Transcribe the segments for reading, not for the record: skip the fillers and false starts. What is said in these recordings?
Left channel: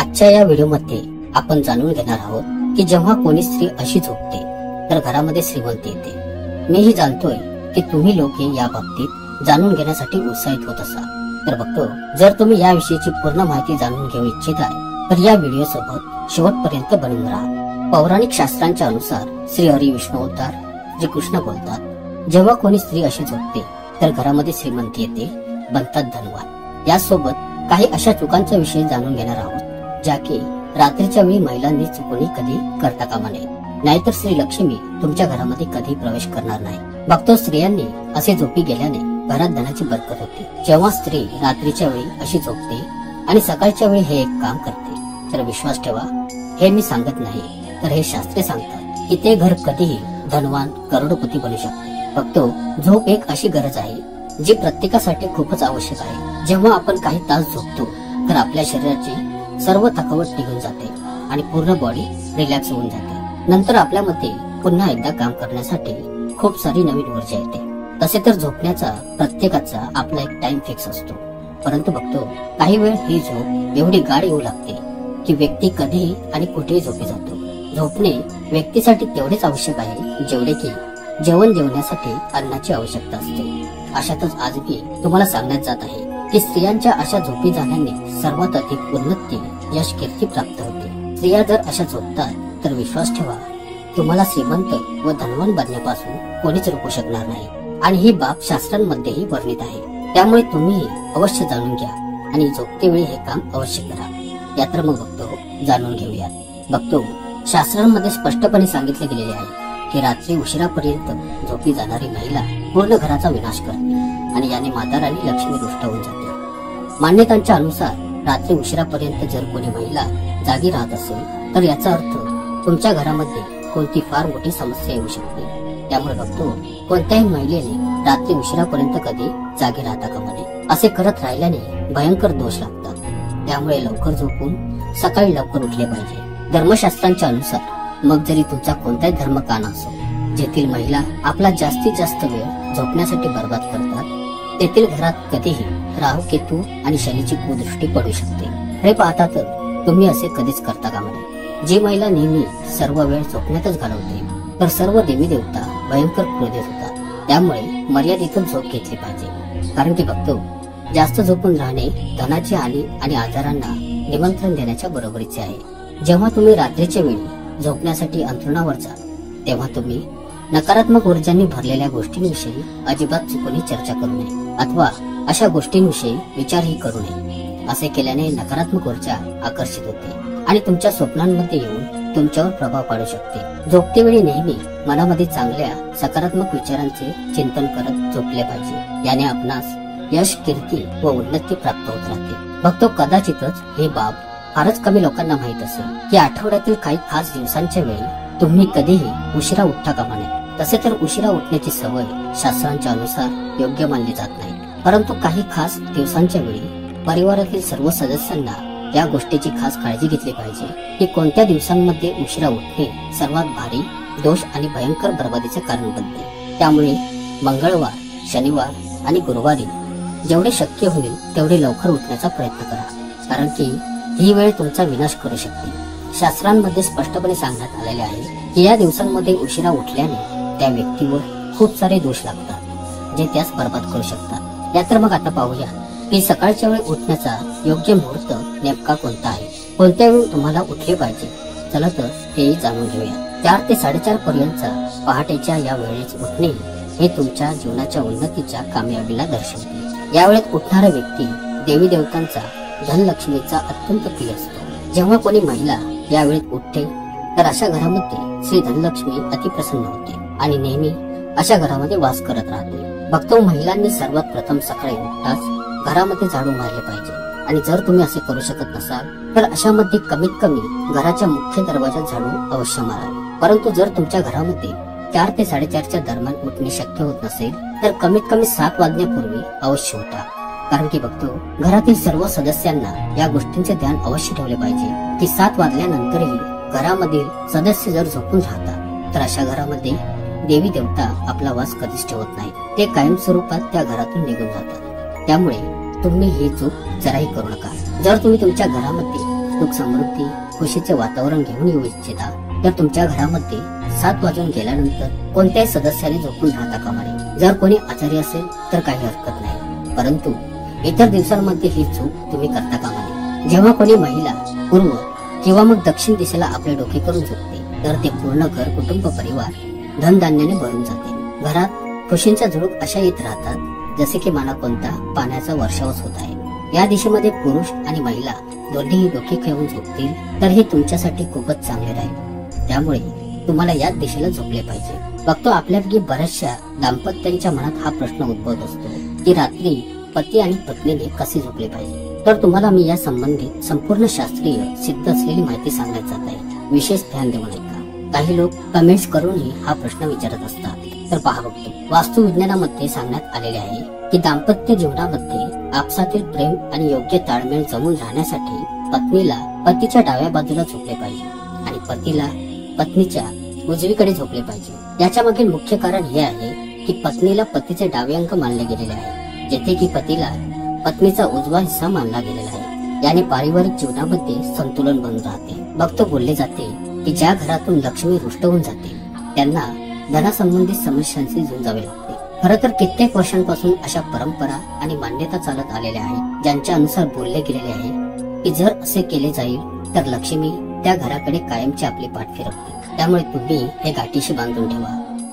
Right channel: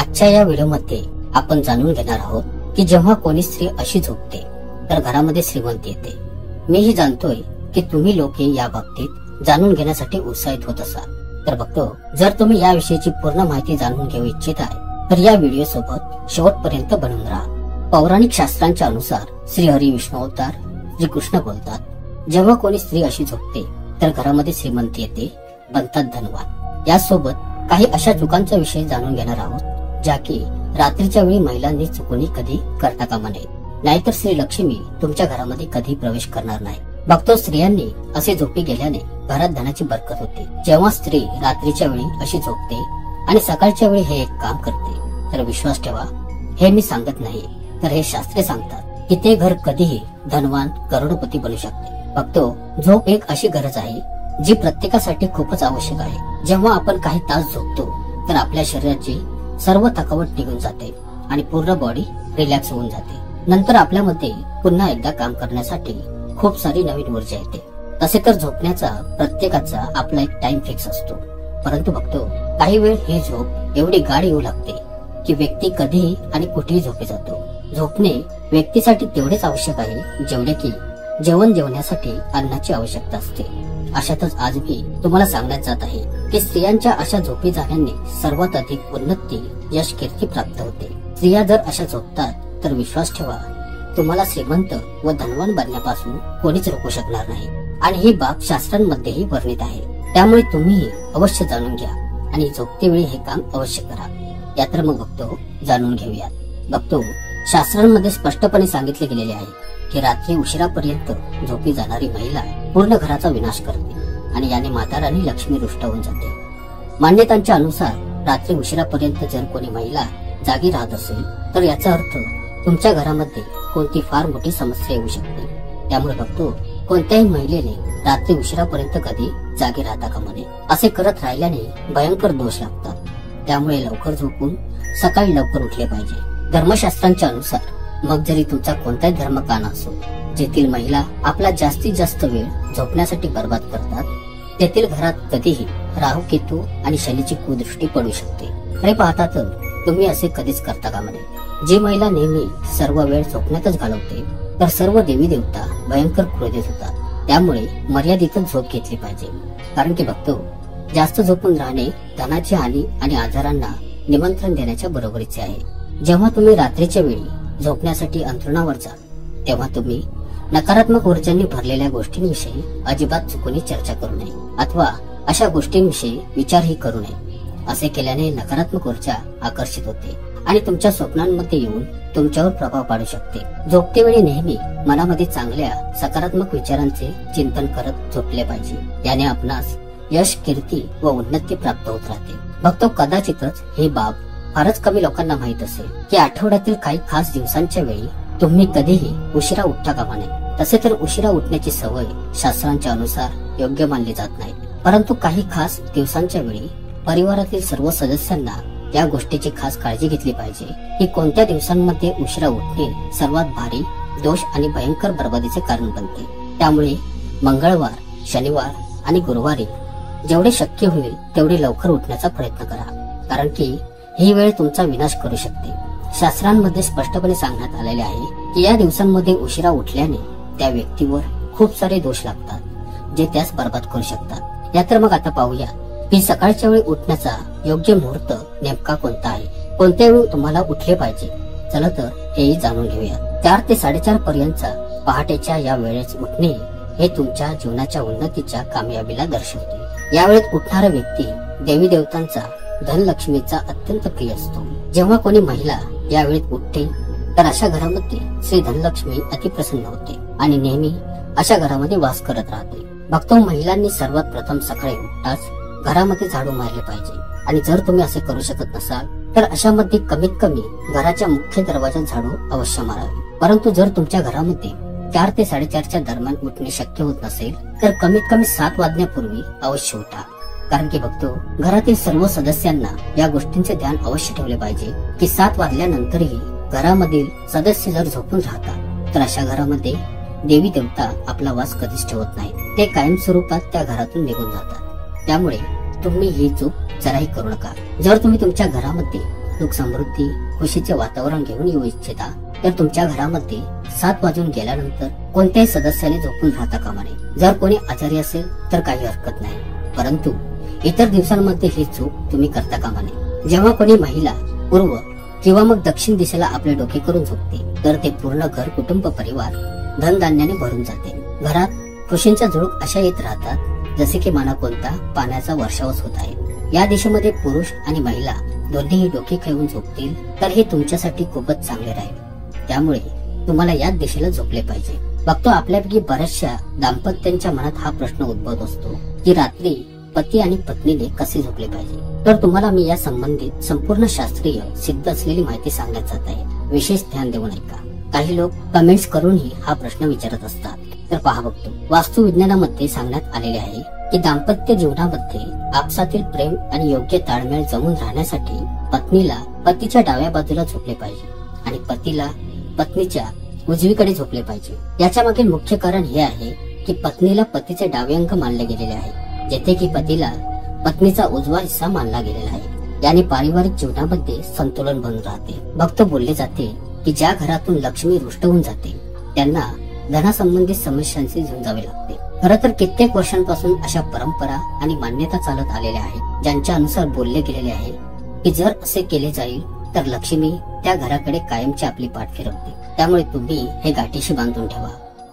आजच्या या व्हिडिओमध्ये आपण जाणून घेणार आहोत की जेव्हा कोणी स्त्री अशी झोपते तर घरामध्ये श्रीमंती येते। मीही जाणतोय की तुम्ही लोक या बाबतीत जाणून घेण्यासाठी उत्साहित होत असाल। तर बघतो, जर तुम्ही याविषयीची पूर्ण माहिती जाणून घेऊ इच्छित आहे तर या व्हिडिओ सोबत शेवटपर्यंत बनून राहा। पौराणिक शास्त्रांच्या अनुसार श्री हरी विष्णू अवतार श्री कृष्ण बोलतात, जेव्हा कोणी स्त्री अशी झोपते तर घरामध्ये श्रीमंती येते, बनतात धनवान। यासोबत काही अशा चुकांचा विषय जाणून घेणार आहोत ज्या की रात्रीच्या वेळी महिलांनी चुकून कधी करता कामा नये, नाहीतर श्री लक्ष्मी तुमच्या घरामध्ये कधी प्रवेश करणार नाही। बघतो, स्त्रियांनी असे झोपी गेल्याने घरात धनाची बरकत होते। जेव्हा स्त्री रात्रीच्या वेळी अशी झोपते आणि सकाळच्या वेळी हे एक काम करते तर विश्वास ठेवा, हे मी सांगत नाही तर हे शास्त्रे सांगतात की ते घर कधीही धनवान करोडपती बनू शकते। बघतो, झोप एक अशी गरज आहे जी प्रत्येकासाठी खूपच आवश्यक आहे। जेव्हा आपण काही तास झोपतो तर आपल्या शरीराची सर्व थकावट निघून जाते आणि पूर्ण बॉडी रिलॅक्स होऊन जाते। नंतर आपल्यामध्ये पुन्हा एकदा काम करण्यासाठी खूप सारी नवीन ऊर्जा येते। तसे तर झोपण्याचा प्रत्येकाचा आपला एक टाइम फिक्स असतो, परंतु बघतो काही वेळ ही झोप एवढी गाढ येऊ लागते की व्यक्ती कधीही आणि कुठेही झोपी जातो। झोपणे व्यक्तीसाठी तेवढेच आवश्यक आहे जेवढे की जेवण जेवण्यासाठी अन्नाची आवश्यकता असते। अशातच आज मी तुम्हाला सांगण्यात जात आहे की स्त्रियांच्या अशा झोपी जाण्याने सर्वात अधिक उन्नती, यश, कीर्ती प्राप्त होते। स्त्रिया जर अशा झोपतात तर विश्वास ठेवा, तुम्हाला श्रीमंत व धनवान बनण्यापासून कोणीच रोखू शकणार नाही आणि ही बाब शास्त्रांमध्येही वर्णित आहे। त्यामुळे तुम्ही अवश्य जाणून घ्या आणि झोपती वेळी हे काम अवश्य करा। या तर मग बघतो, जाणून घेऊया। बघतो, शास्त्रांमध्ये स्पष्टपणे सांगितले गेलेले आहे की रात्री उशिरापर्यंत झोपी जाणारी महिला पूर्ण घराचा विनाश करते आणि याने माता राणी लक्ष्मी रुष्ट होऊन जाते। मान्यतांच्या अनुसार रात्री उशिरापर्यंत जर कोणी महिला जागी राहत असेल तर याचा अर्थ तुमच्या घरामध्ये कोणती फार मोठी समस्या येऊ शकते। त्यामुळे बघतो, कोणत्याही महिलेने रात्री उशिरापर्यंत कधी जागी राहता कामा नये। असे करत राहिल्याने भयंकर दोष लागतात। त्यामुळे लवकर झोपून सकाळी लवकर उठले पाहिजे। धर्मशास्त्रांच्या अनुसार मग जरी तुमचा कोणताही धर्म का नसो, जेथील महिला आपला जास्तीत जास्त वेळ झोपण्यासाठी बर्बाद करतात तेथील घरात कधीही राहू, केतू आणि शनीची कुदृष्टी पडू शकते। हे पाहता तर तुम्ही असे कधीच करता कामा नये। जी महिला नेहमी सर्व वेळ झोपण्यातच घालवते तर सर्व देवी देवता भयंकर क्रोधित होतात। त्यामुळे मर्यादितच झोप घेतली पाहिजे, कारण की बघतो, जास्त झोपून राहणे धनाची हानी आणि आजारांना निमंत्रण देण्याच्या बरोबरीचे आहे। जेव्हा तुम्ही रात्रीच्या वेळी झोपण्यासाठी अंथरुणावर जा तेव्हा तुम्ही नकारात्मक ऊर्जांनी भरलेल्या गोष्टींविषयी अजिबात चुकून चर्चा करू नये अथवा अशा गोष्टींविषयी विचारही करू नये। असे केल्याने नकारात्मक ऊर्जा आकर्षित होते आणि तुमच्या स्वप्नांमध्ये येऊन तुमच्यावर प्रभाव पाडू शकते। झोपते वेळी नेहमी मनामध्ये चांगल्या सकारात्मक विचारांचे चिंतन करत झोपले पाहिजे। याने आपणास यश, कीर्ती व उन्नती प्राप्त होत राहते। बघतो, कदाचितच ही बाब फारच कमी लोकांना माहित असेल की आठवड्यातील काही खास दिवसांच्या वेळी तुम्ही कधीही उशिरा उठता कामा नये। तसे तर उशिरा उठण्याची सवय शास्त्रांच्या अनुसार योग्य मानली जात नाही, परंतु काही खास दिवसांच्या वेळी परिवारातील सर्व सदस्यांना या गोष्टीची खास काळजी घेतली पाहिजे की कोणत्या दिवसांमध्ये उशिरा उठणे सर्वात भारी दोष आणि भयंकर बर्बादीचे कारण बनते। त्यामुळे मंगळवार, शनिवार आणि गुरुवारी जेवढे शक्य होईल तेवढे लवकर उठण्याचा प्रयत्न करा, कारण की ही वेळ तुमचा विनाश करू शकते। शास्त्रांमध्ये स्पष्टपणे सांगण्यात आलेले आहे की या दिवसांमध्ये उशिरा उठल्याने त्या व्यक्तीवर खूप सारे दोष लागतात जे त्यास बर्बाद करू शकतात। या तर मग आता पाहूया की सकाळच्या वेळी उठण्याचा योग्य मुहूर्त नेमका कोणता आहे, कोणत्या वेळी तुम्हाला उठले पाहिजे। चला तर हेही जाणून घेऊया। 4 ते 4:30 पर्यंतचा पहाटेच्या या वेळेत उठणे हे तुमच्या जीवनाच्या उन्नतीच्या कामयाबीला दर्शवते। या वेळेत उठणारा व्यक्ती देवी देवतांचा, धनलक्ष्मीचा अत्यंत प्रिय असतो। जेव्हा कोणी महिला या वेळेत उठते तर अशा घरामध्ये श्री धनलक्ष्मी अतिप्रसन्न होते आणि नेहमी अशा घरामध्ये वास करत राहते। बघतो, महिलांनी सर्वात प्रथम सकाळी उठताच घरामध्ये झाडू मारले पाहिजे आणि जर तुम्ही असे करू शकत नसाल तर अशामध्ये कमीत कमी घराच्या मुख्य दरवाजात झाडू अवश्य मारावे। परंतु जर तुमच्या घरामध्ये 4 ते 4:30च्या दरम्यान उठणे शक्य होत नसेल तर कमीत कमी 7 वाजण्यापूर्वी अवश्य उठा, कारण की बघतो, घरातील सर्व सदस्यांना या गोष्टींचे ध्यान अवश्य ठेवले पाहिजे की 7 वाजल्यानंतरही घरामधील सदस्य जर झोपून राहतात तर अशा घरामध्ये देवी देवता आपला वास कधीच ठेवत नाही, ते कायमस्वरूपात त्या घरातून निघून जातात। त्यामुळे तुम्ही ही चूक जराही करू नका। जर तुम्ही तुमच्या घरामध्ये सुख समृद्धी खुशीचे वातावरण घेऊन येऊ इच्छिता तर तुमच्या घरामध्ये 7 वाजून गेल्यानंतर कोणत्याही सदस्याने झोपून राहता कामा नये. जर कोणी आजारी असेल तर काही हरकत नाही, परंतु इतर दिवसांमध्ये ही चूक तुम्ही करता कामा नये. जेव्हा कोणी महिला पूर्व किंवा मग दक्षिण दिशेला आपले डोके करून झोपते तर ते पूर्ण घर कुटुंब परिवार धनधान्याने भरून जाते. घरात खुशींच्या झुळूक अशा येत राहतात जसे की मना कोणता पाण्याचा वर्षावच होत आहे. या दिशेमध्ये पुरुष आणि महिला दोन्हीही डोके खेळून झोपतील तर हे तुमच्यासाठी खूपच चांगले राहील. त्यामुळे तुम्हाला याच दिशेला झोपले पाहिजे. फक्त आपल्यापैकी बऱ्याचशा दाम्पत्यांच्या मनात हा प्रश्न उद्भवत असतो की रात्री पती आणि पत्नीने कसे झोपले पाहिजे. तर तुम्हाला मी या संबंधित संपूर्ण शास्त्रीय सिद्ध असलेली माहिती सांगण्यात जात आहे. विशेष ध्यान देऊ नका. काही लोक कमेंट्स करूनही हा प्रश्न विचारत असतात. तर पहा बघतो, वास्तुविज्ञानामध्ये सांगण्यात आलेले आहे की दाम्पत्य जीवनामध्ये आपसातील प्रेम आणि योग्य ताळमेळ जमून राहण्यासाठी पत्नीला पतीच्या डाव्या बाजूला झोपले पाहिजे आणि पतीला पत्नीच्या उजवीकडे झोपले पाहिजे. याच्या मागे मुख्य कारण हे आहे की पत्नीला पतीचे डावे अंग मानले गेलेले आहे, जेथे की पतीला पत्नीचा उजवा हिस्सा मानला गेलेला आहे. याने पारिवारिक जीवनामध्ये संतुलन बनून राहते. भक्त बोलले जाते की ज्या घरातून लक्ष्मी रुष्ट होऊन जाते त्यांना धनासंबंधित समस्यांचे झुंज जावे लागते. खरं तर कित्येक वर्षांपासून अशा परंपरा आणि मान्यता चालत आलेल्या आहेत ज्यांच्या अनुसार बोलले गेलेले आहे की जर असे केले जाईल तर लक्ष्मी त्या घराकडे कायमची आपली पाठ फिरवते. त्यामुळे तुम्ही हे गाठीशी बांधून ठेवा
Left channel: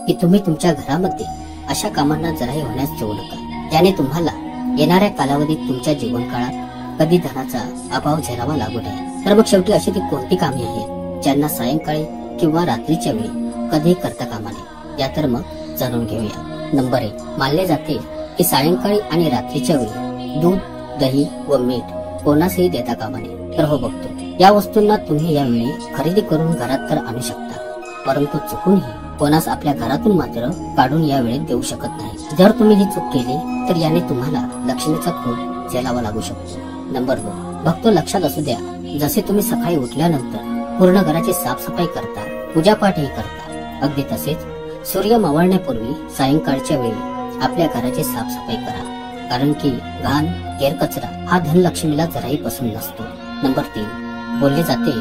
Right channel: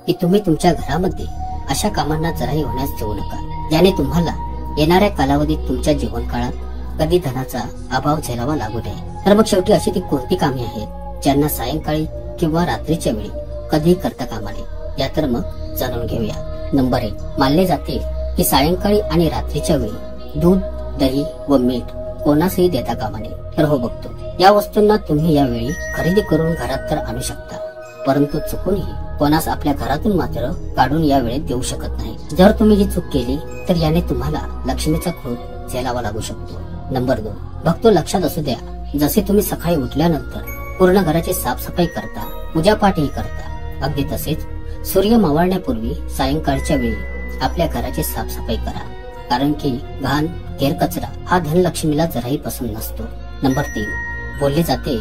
की तुम्ही तुमच्या घरामध्ये अशा कामांना जराही होण्यास देऊ नका, ज्याने तुम्हाला येणाऱ्या कालावधीत तुमच्या जीवन काळात कधी धनाचा अभाव झेलावा लागू नये. तर मग शेवटी अशी ती कोणती कामे आहेत ज्यांना सायंकाळी किंवा रात्रीच्या वेळी कधीही करता कामा नये. या तर मग जाणून घेऊया. नंबर 1, मानले जाते की सायंकाळी आणि रात्रीच्या वेळी दूध, दही व मीठ कोणासही देता कामा नये. तर हो बघतो, या वस्तूंना तुम्ही यावेळी खरेदी करून घरात तर आणू शकता, परंतु चुकूनही कोणास आपल्या घरातून मात्र काढून या वेळेत देऊ शकत नाही. जर तुम्ही ही चूक केली तर याने तुम्हाला लक्ष्मीचा खून झेलावा लागू शकतो. नंबर 2, भक्तो लक्षात असू द्या, जसे तुम्ही सकाळी उठल्यानंतर पूर्ण घराची साफसफाई करता, पूजापाठही करता, अगदी तसेच सूर्य मावळण्यापूर्वी सायंकाळच्या वेळी आपल्या घराची साफसफाई करा, कारण की घाण गैरकचरा हा धनलक्ष्मीला जराही पसंत नसतो. नंबर 3, बोलले जाते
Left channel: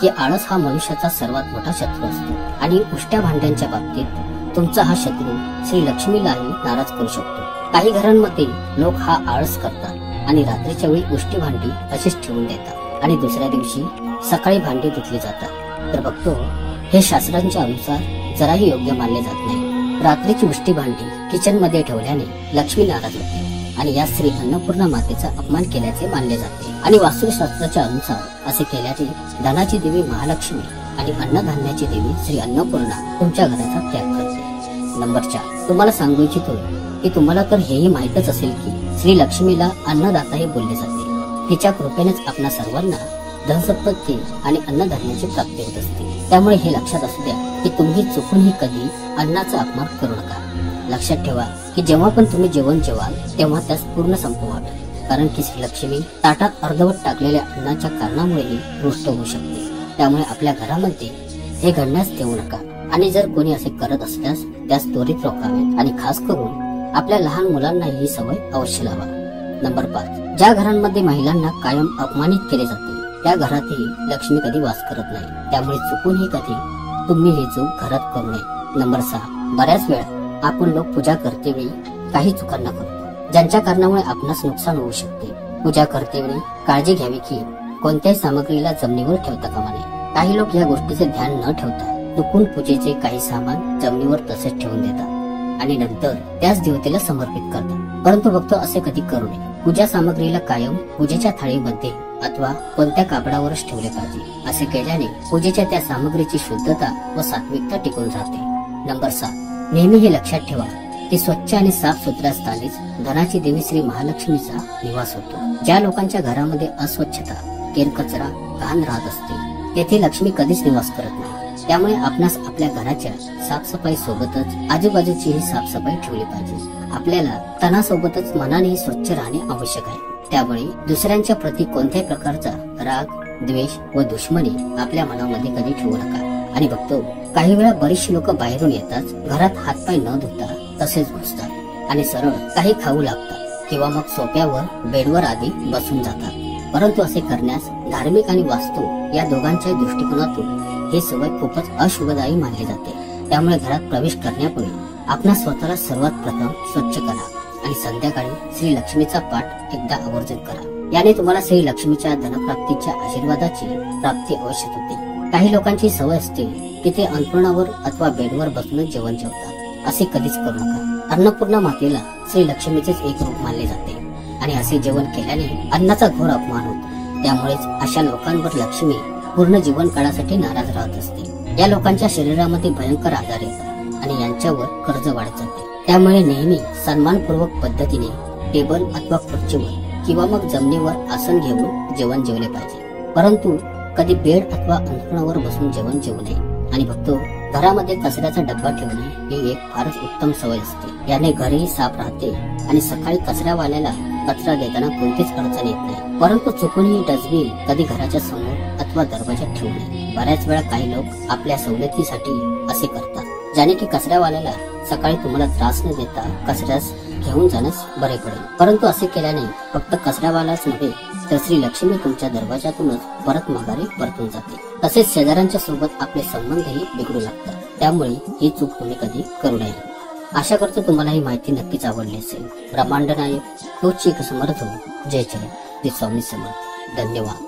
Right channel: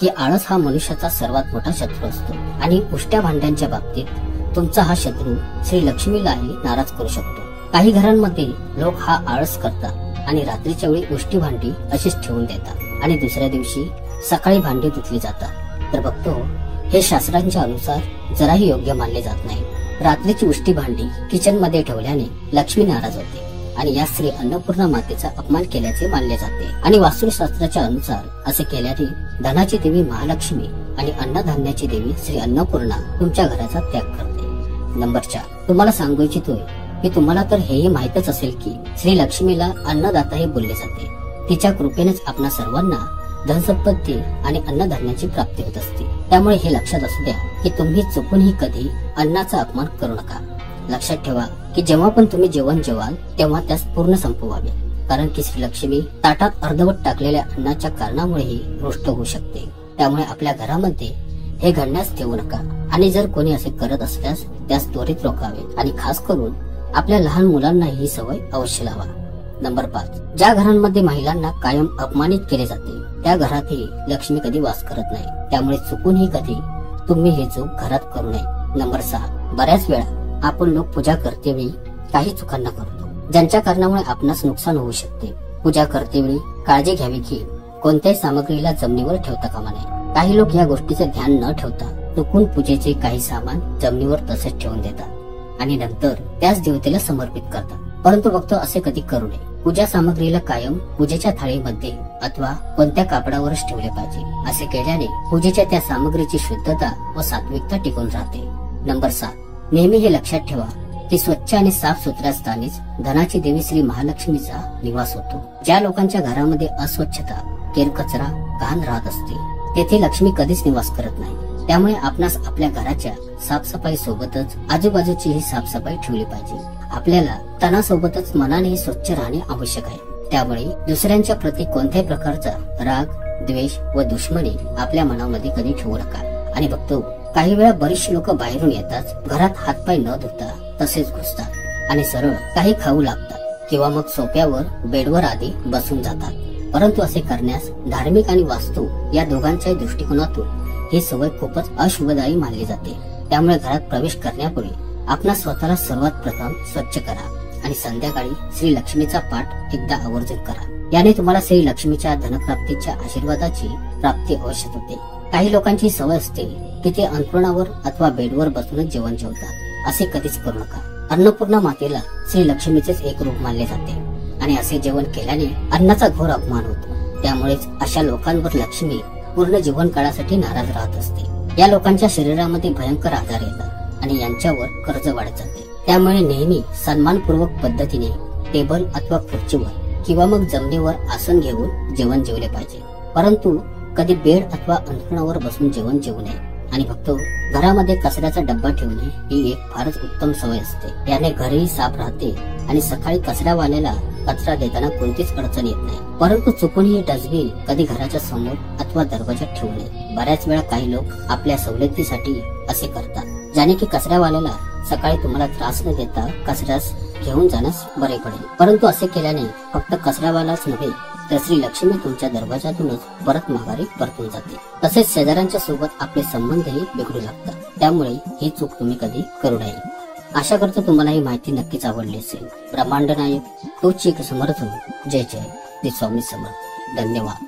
की आळस हा मनुष्याचा सर्वात मोठा शत्रू असतो आणि उष्ट्या भांड्यांच्या बाबतीत तुमचा हा शत्रू श्री लक्ष्मीलाही नाराज करू शकतो. काही घरांमध्ये लोक हा आळस करतात आणि रात्रीच्या वेळी उष्टी भांडी अशीच ठेवून देतात आणि दुसऱ्या दिवशी सकाळी भांडी धुतली जातात. तर बघतो, हे शास्त्रांच्या अनुसार जराही योग्य मानले जात नाही. रात्रीची उष्टी भांडी किचन मध्ये ठेवल्याने लक्ष्मी नाराज होते आणि या श्री अन्नपूर्णा मातेचा अपमान केल्याचे मानले जाते. आणि वास्तुशास्त्राच्या अनुसार असे केल्याने धनाची देवी महालक्ष्मी आणि अन्नधान्याची देवी श्री अन्नपूर्णा तुमच्या घराचा त्याग करते. नंबर 4, तुम्हाला सांगू इच्छितो की तुम्हाला तर हेही माहीतच असेल की श्री लक्ष्मीला अन्नदाताही बोलले जाते. तिच्या कृपेनेच आपणा सर्वांना धनसंपत्ती आणि अन्नधान्याची प्राप्ती होत असते. त्यामुळे हे लक्षात असू द्या की तुम्ही चुकूनही कधी अन्नाचा अपमान करू नका. लक्षात ठेवा की जेव्हा पण तुम्ही जेवण जेवाल तेव्हा त्यास पूर्ण संपवावे, कारण की श्री लक्ष्मी ताटात अर्धवट टाकलेल्या अन्नाच्या कारणामुळेही रुष्ट होऊ शकते. त्यामुळे आपल्या घरामध्ये हे घडण्यास देऊ नका आणि जर कोणी असे करत असल्यास त्यास त्वरित रोखावे आणि खास करून आपल्या लहान मुलांनाही ही सवय अवश्य लावा. नंबर 5, ज्या घरांमध्ये महिलांना कायम अपमानित केले जाते त्या घरातही लक्ष्मी कधी वास करत नाही. त्यामुळे चुकूनही कधी तुम्ही हे चूक घरात करू नये. नंबर 6, बऱ्याच वेळा आपण लोक पूजा करतेवेळी काही चुकांना करतो ज्यांच्या कारणामुळे आपणास नुकसान होऊ शकते. पूजा करतेवेळी काळजी घ्यावी की कोणत्याही सामग्रीला जमिनीवर ठेवता कामा नये. काही लोक या गोष्टीचे ध्यान न ठेवता चुकून पूजेचे काही सामान जमिनीवर तसेच ठेवून देतात आणि नंतर त्याच देवतेला समर्पित करतात. परंतु बघतो असे कधी करू नये. पूजा सामग्रीला कायम पूजेच्या थाळीमध्ये अथवा कोणत्या कापडावरच ठेवले पाहिजे. असे केल्याने पूजेच्या त्या सामग्रीची शुद्धता व सात्विकता टिकून राहते. नंबर 7, नेहमी हे लक्षात ठेवा की स्वच्छ आणि साफ सुथऱ्या स्थानीच धनाची देवी श्री महालक्ष्मीचा निवास होतो. ज्या लोकांच्या घरामध्ये अस्वच्छता, केरकचरा, घाण राहत असते तेथे लक्ष्मी कधीच निवास करत नाही. त्यामुळे आपणास आपल्या घराच्या साफसफाई सोबतच आजूबाजूचीही साफसफाई ठेवली पाहिजे. आपल्याला तणासोबतच मनानेही स्वच्छ राहणे आवश्यक आहे. त्यामुळे दुसऱ्यांच्या प्रती कोणत्याही प्रकारचा राग, द्वेष व दुश्मनी आपल्या मनामध्ये कधी ठेवू नका. आणि बघतो काही वेळा बरीचशी लोक बाहेरून येतात, घरात हातपाय न धुता तसेच घुसतात आणि सरळ काही खाऊ लागतात किंवा मग सोफ्यावर, बेडवर आधी बसून जातात. परंतु असे करण्यास धार्मिक आणि वास्तू या दोघांच्याही दृष्टिकोनातून ही सवय खूपच अशुभदायी मानली जाते. त्यामुळे घरात प्रवेश करण्यापूर्वी आपणा स्वतःला सर्वात प्रथम स्वच्छ करा आणि संध्याकाळी श्री लक्ष्मीचा पाठ एकदा आवर्जून करा. याने तुम्हाला श्री लक्ष्मीच्या धनप्राप्तीच्या आशीर्वादाची प्राप्ती अवश्य होते. काही लोकांची सवय असते की ते अंथरुणावर अथवा बेडवर बसूनच जेवण जेवतात. असे कधीच करू नका. अन्नपूर्णा मातेला श्री लक्ष्मीचेच एक रूप मानले जाते आणि असे जेवण केल्याने अन्नाचा घोर अपमान होतो. त्यामुळेच अशा लोकांवर लक्ष्मी पूर्ण जीवन काळासाठी नाराज राहत असते. या लोकांच्या शरीरामध्ये भयंकर आजार येतात आणि यांच्यावर कर्ज वाढत जाते. त्यामुळे नेहमी सन्मानपूर्वक पद्धतीने टेबल अथवा खुर्चीवर किंवा मग जमिनीवर आसन घेऊन जेवण जेवले पाहिजे. परंतु कधी बेड अथवा अंथरुणावर बसून जेवण जेवू नये. आणि बघतो घरामध्ये कचऱ्याचा डब्बा ठेवणे ही एक फारच उत्तम सवय असते. याने घरही साफ राहते आणि सकाळी कचऱ्यावाल्याला कचरा देताना कोणतीच अडचण येत नाही. परंतु चुकून ही डस्टबिन कधी घराच्या समोर अथवा दरवाजात ठेवू नये. बऱ्याच वेळा काही लोक आपल्या सवलतीसाठी असे करतात, ज्याने की कचऱ्यावाल्याला सकाळी तुम्हाला त्रास न देता कचऱ्यास घेऊन जाण्यास बरे पडेल. परंतु असे केल्याने फक्त कचऱ्यावालाच नव्हे तर श्री लक्ष्मी तुमच्या दरवाजातूनच परत माघारी परतून जाते. तसेच शेजाऱ्यांच्या सोबत आपले संबंधही बिघडू लागतात. त्यामुळे ही चूक तुम्ही कधी करू नये. आशा करतो तुम्हाला ही माहिती नक्कीच आवडली असेल. ब्रह्मांड नायक तोच एक समर्थ. जय जय श्री स्वामी समर्थ. धन्यवाद.